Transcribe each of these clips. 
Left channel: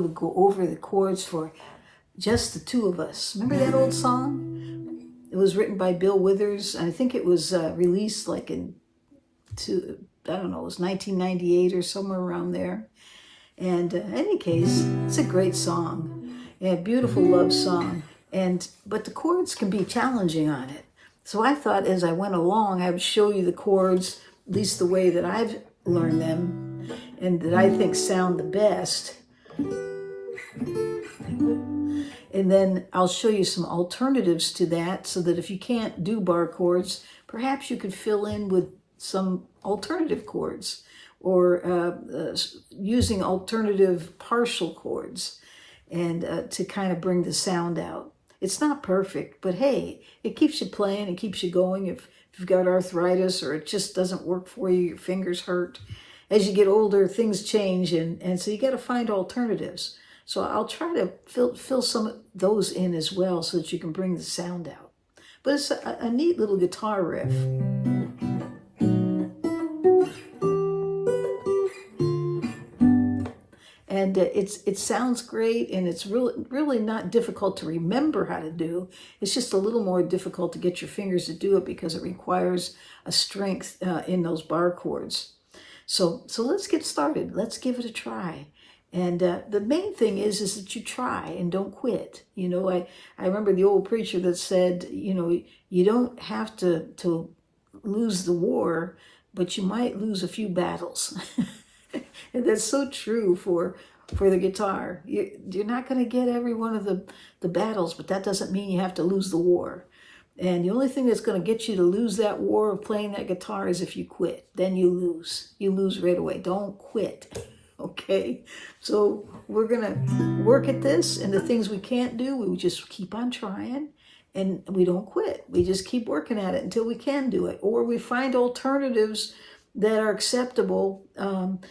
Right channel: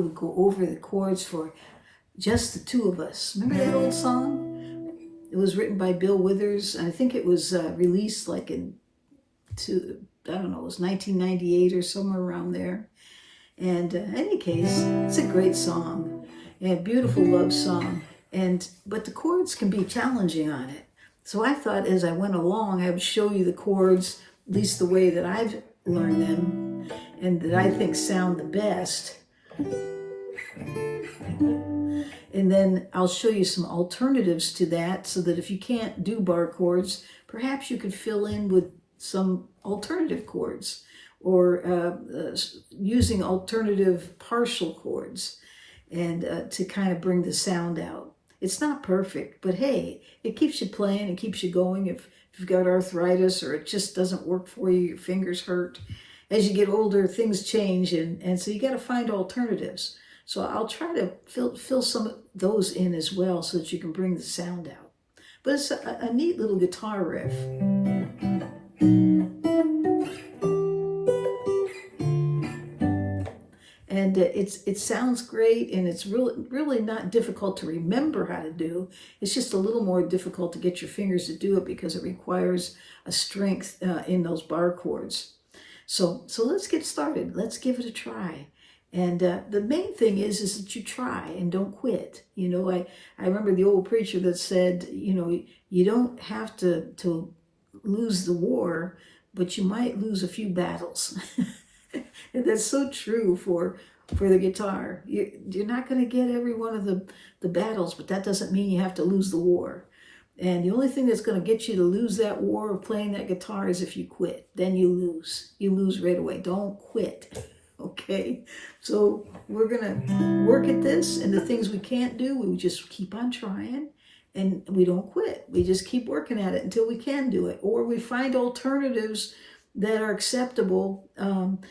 who would go over the chords for just the two of us. Remember that old song? It was written by Bill Withers. I think it was released like I don't know, it was 1998 or somewhere around there. And in any case, it's a great song, and a beautiful love song. But the chords can be challenging on it. So I thought as I went along, I would show you the chords, at least the way that I've learned them, and that I think sound the best. And then I'll show you some alternatives to that, so that if you can't do bar chords, perhaps you could fill in with some alternative chords, or using alternative partial chords, and to kind of bring the sound out. It's not perfect, but hey, it keeps you playing, it keeps you going. If you've got arthritis or it just doesn't work for you, your fingers hurt. As you get older, things change, and so you got to find alternatives. So I'll try to fill some of those in as well, so that you can bring the sound out. But it's a neat little guitar riff. And it sounds great, and it's really not difficult to remember how to do. It's just a little more difficult to get your fingers to do it, because it requires a strength in those bar chords. So let's get started. Let's give it a try. And the main thing is that you try and don't quit. You know, I remember the old preacher that said, you know, you don't have to lose the war, but you might lose a few battles. And that's so true for the guitar. You're not going to get every one of the battles, but that doesn't mean you have to lose the war. And the only thing that's going to get you to lose that war of playing that guitar is if you quit. Then you lose. You lose right away. Don't quit. Okay? So we're going to work at this, and the things we can't do, we just keep on trying, and we don't quit. We just keep working at it until we can do it. Or we find alternatives that are acceptable, and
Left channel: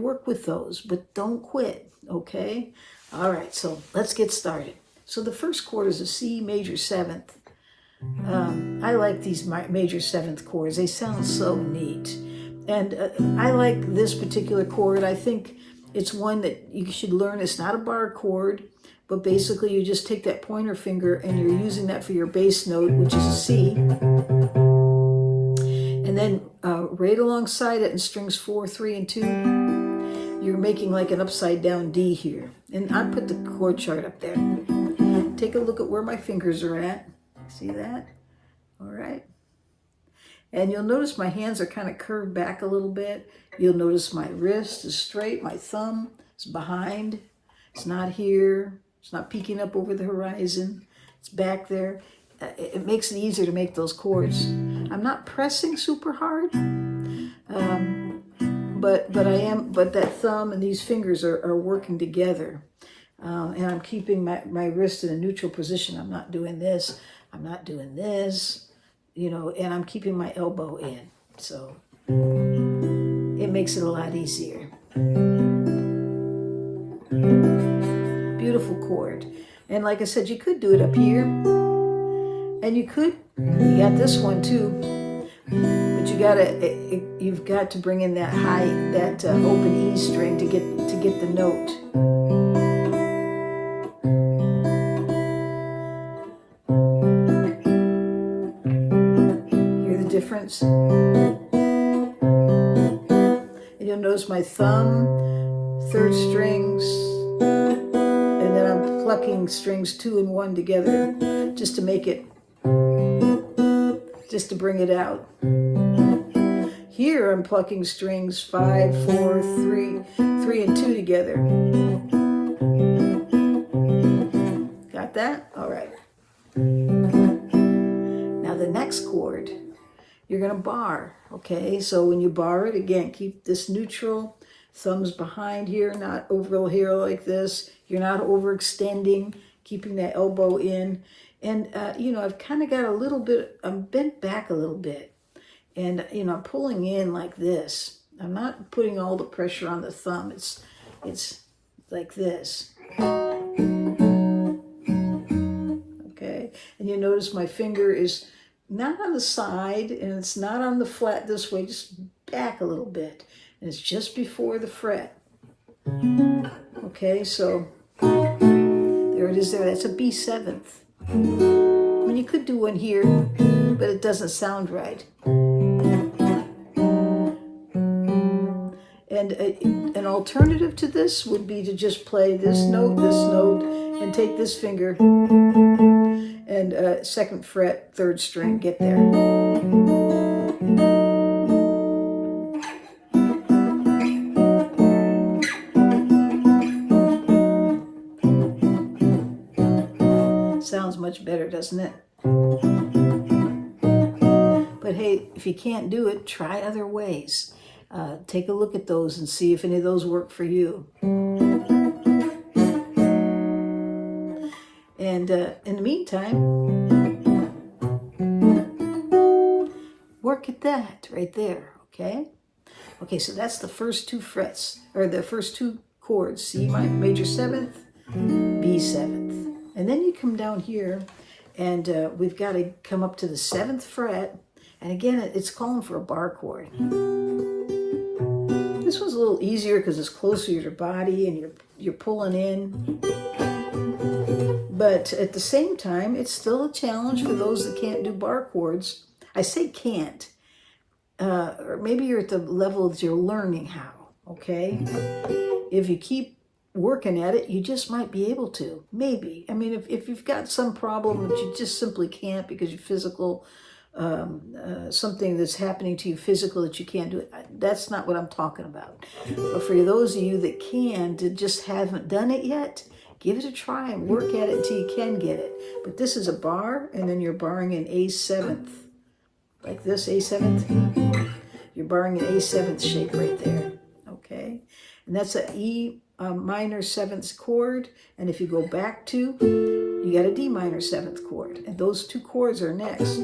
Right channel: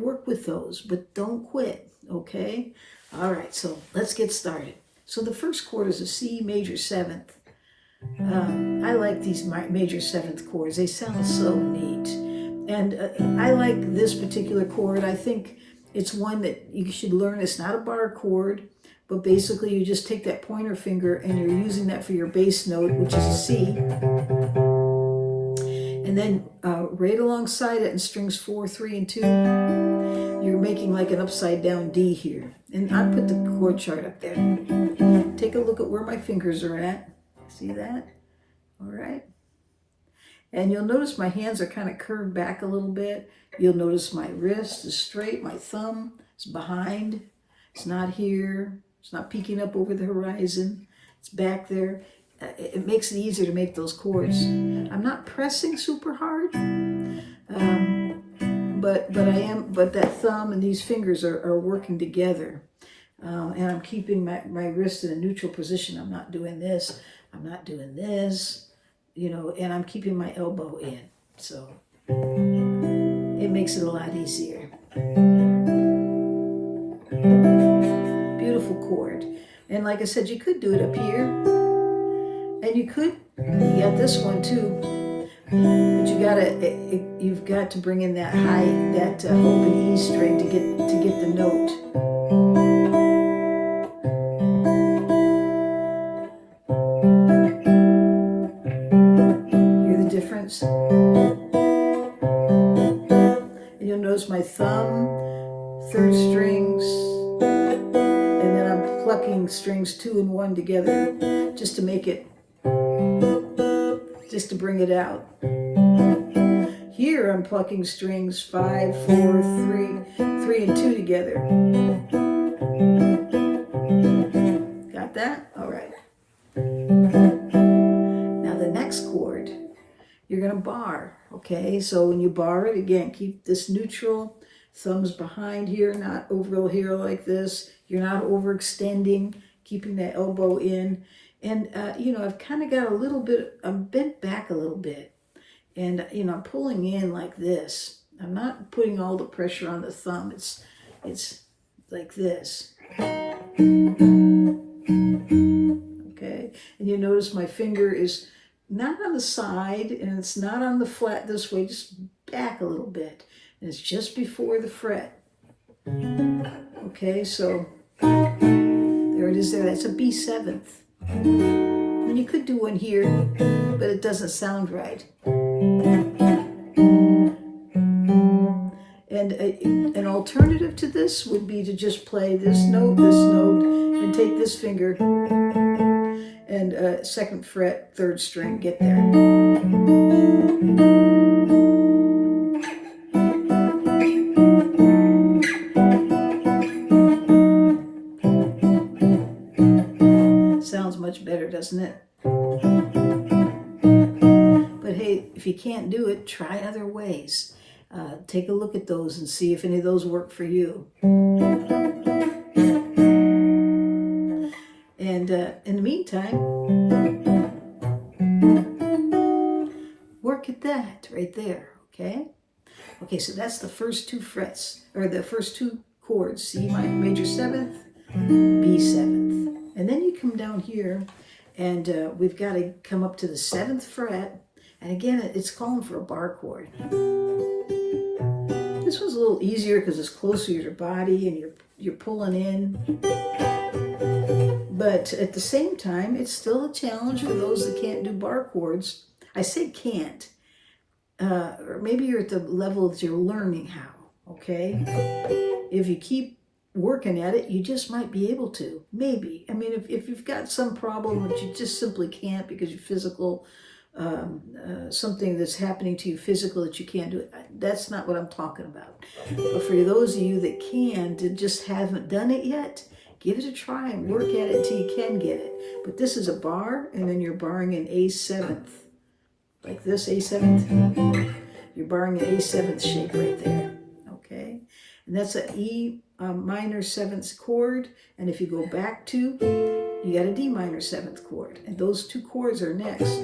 work with those, but don't quit, okay? All right, so let's get started. So the first chord is a C major seventh. I like these major seventh chords. They sound so neat. And I like this particular chord. I think it's one that you should learn. It's not a bar chord, but basically you just take that pointer finger and you're using that for your bass note, which is a C. And then right alongside it in strings 4, 3, and 2, you're making like an upside down D here. And I put the chord chart up there. Take a look at where my fingers are at. See that? All right. And you'll notice my hands are kind of curved back a little bit. You'll notice my wrist is straight. My thumb is behind. It's not here. It's not peeking up over the horizon. It's back there. It makes it easier to make those chords. I'm not pressing super hard, but I am. But that thumb and these fingers are working together, and I'm keeping my wrist in a neutral position. I'm not doing this. I'm not doing this, you know, and I'm keeping my elbow in. So it makes it a lot easier. Beautiful chord, and like I said, you could do it up here. And you got this one too, but you've got to bring in that open E string to get the note. Hear the difference? And you'll notice my thumb, third strings, and then I'm plucking strings 2 and 1 together just to make it. Just to bring it out. Here I'm plucking strings 5, 4, 3, 3, and 2 together. Got that? All right. Now the next chord, you're going to bar, okay? So when you bar it, again, keep this neutral. Thumbs behind here, not over here like this. You're not overextending, keeping that elbow in. And, you know, I've kind of got a little bit, I'm bent back a little bit. And, you know, I'm pulling in like this. I'm not putting all the pressure on the thumb. It's like this. Okay. And you notice my finger is not on the side and it's not on the flat this way, just back a little bit. And it's just before the fret. And Okay, so there it is there. That's a B7th. I mean, you could do one here, but it doesn't sound right. And an alternative to this would be to just play this note, and take this finger and 2nd fret, 3rd string, get there. Sounds much better, doesn't it? But hey, if you can't do it, try other ways. Take a look at those and see if any of those work for you. And in the meantime, work at that right there, okay? Okay, so that's the first 2 frets, or the first 2 chords, C major 7th, B 7th. And then you come down here, and we've got to come up to the 7th fret, and again, it's calling for a bar chord. This one's a little easier because it's closer to your body and you're pulling in. But at the same time, it's still a challenge for those that can't do bar chords. I say can't. Or maybe you're at the level that you're learning how, okay? If you keep working at it, you just might be able to. Maybe. I mean, if you've got some problem that you just simply can't because you're physical, something that's happening to you physical that you can't do it, that's not what I'm talking about. But for those of you that can, that just haven't done it yet, give it a try and work at it until you can get it. But this is a bar, and then you're barring an A7th. Like this, A7th. You're barring an A7th shape right there. Okay? And that's an E minor 7th chord. And if you go back 2, you got a D minor 7th chord. And those 2 chords are next.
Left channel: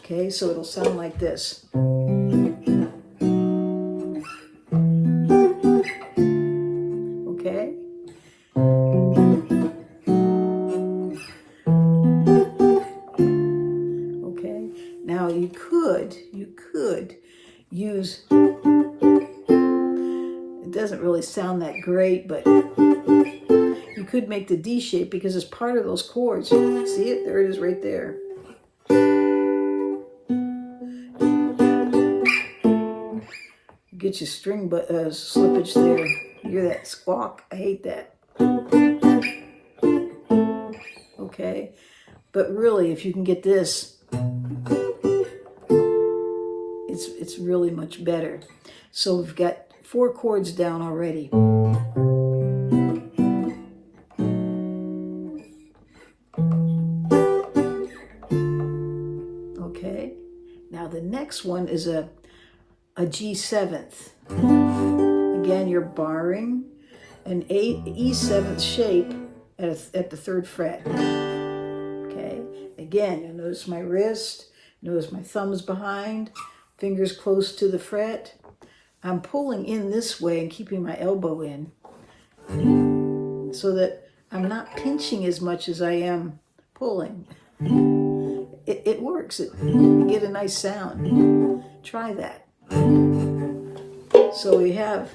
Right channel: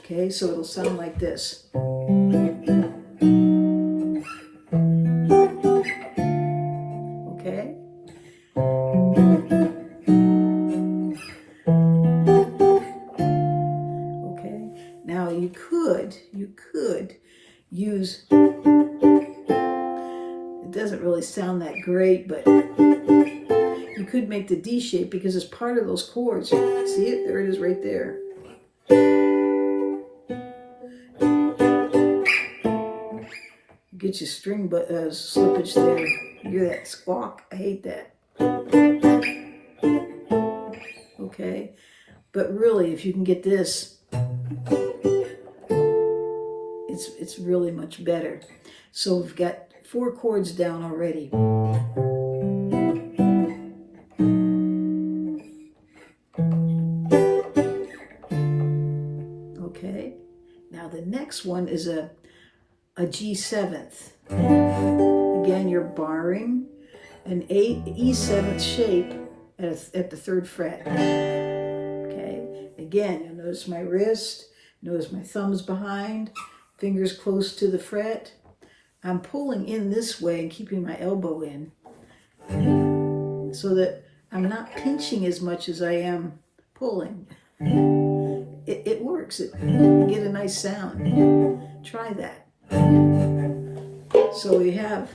Okay, so it'll sound like this. Okay? Okay, now you could use, it doesn't really sound that great, but you could make the D shape because it's part of those chords. See it? There it is right there. Get your string slippage there. You hear that squawk? I hate that. Okay, but really, if you can get this, it's really much better. So we've got 4 chords down already. Okay, now the next one is a G7th. Again, you're barring an E7th shape at the 3rd fret. Okay, again, you'll notice my wrist, notice my thumbs behind, fingers close to the fret. I'm pulling in this way and keeping my elbow in so that I'm not pinching as much as I am pulling. It works. You get a nice sound. Try that. So we have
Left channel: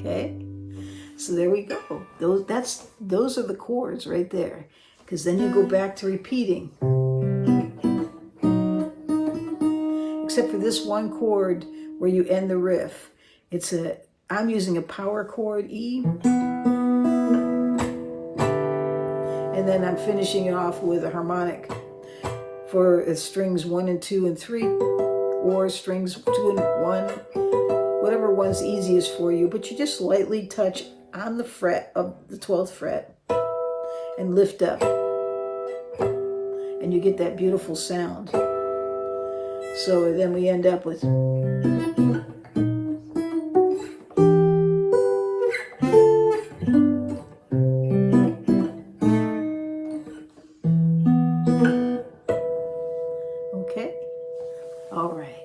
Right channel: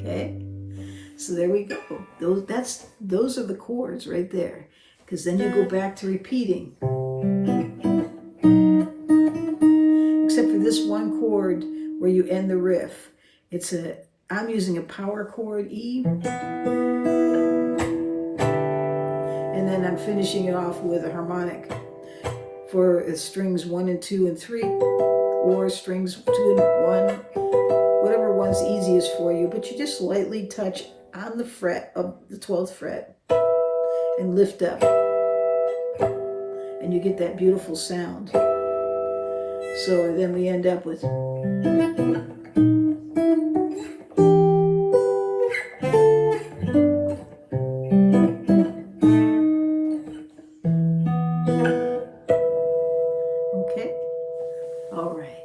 okay. So there we go. Those are the chords right there. Because then you go back to repeating. Except for this one chord where you end the riff. I'm using a power chord E. And then I'm finishing it off with a harmonic for strings 1 and 2 and 3, or strings 2 and 1, whatever one's easiest for you. But you just lightly touch on the fret of the 12th fret and lift up. And you get that beautiful sound. So then we end up with okay. All right.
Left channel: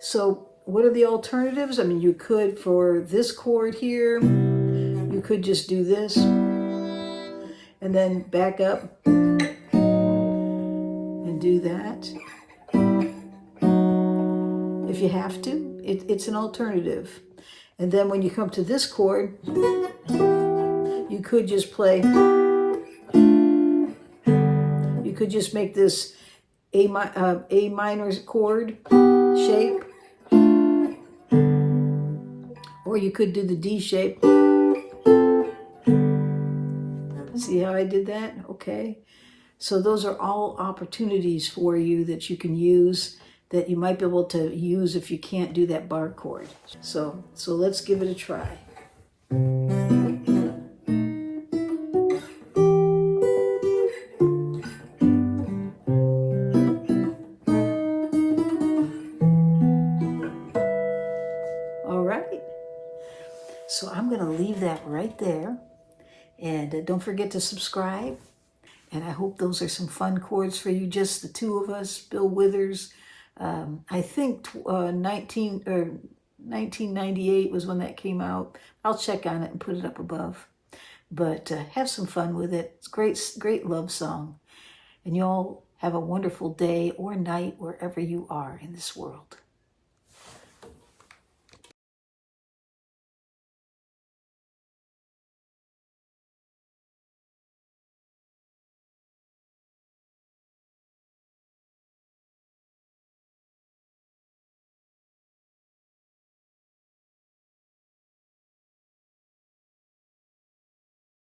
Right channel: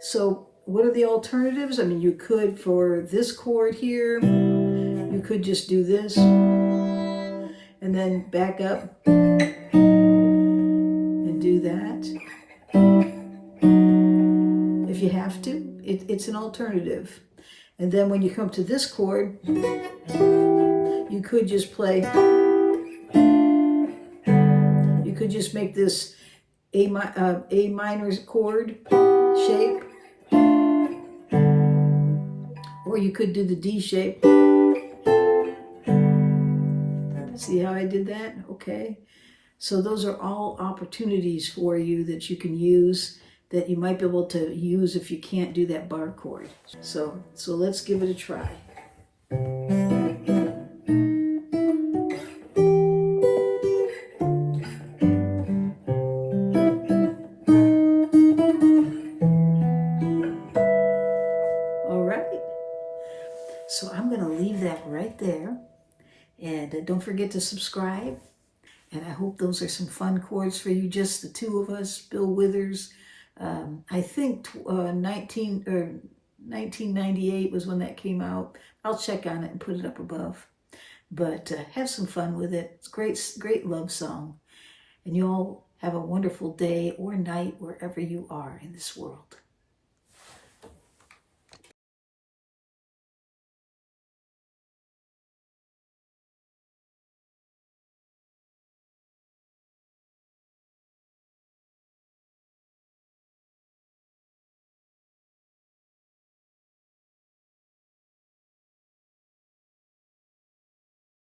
So what are the alternatives? I mean, you could, for this chord here, you could just do this and then back up and do that. if you have to. It's an alternative. And then when you come to this chord, you could just play, you could just make this A minor chord shape, or you could do the D shape. See how I did that? Okay. So those are all opportunities for you that you can use, that you might be able to use if you can't do that bar chord. So let's give it a try. All right. So I'm going to leave that right there. And don't forget to subscribe. And I hope those are some fun chords for you, just the two of us, Bill Withers. I think 1998 was when that came out. I'll check on it and put it up above. But have some fun with it. It's a great love song. And you all have a wonderful day or night wherever you are in this world.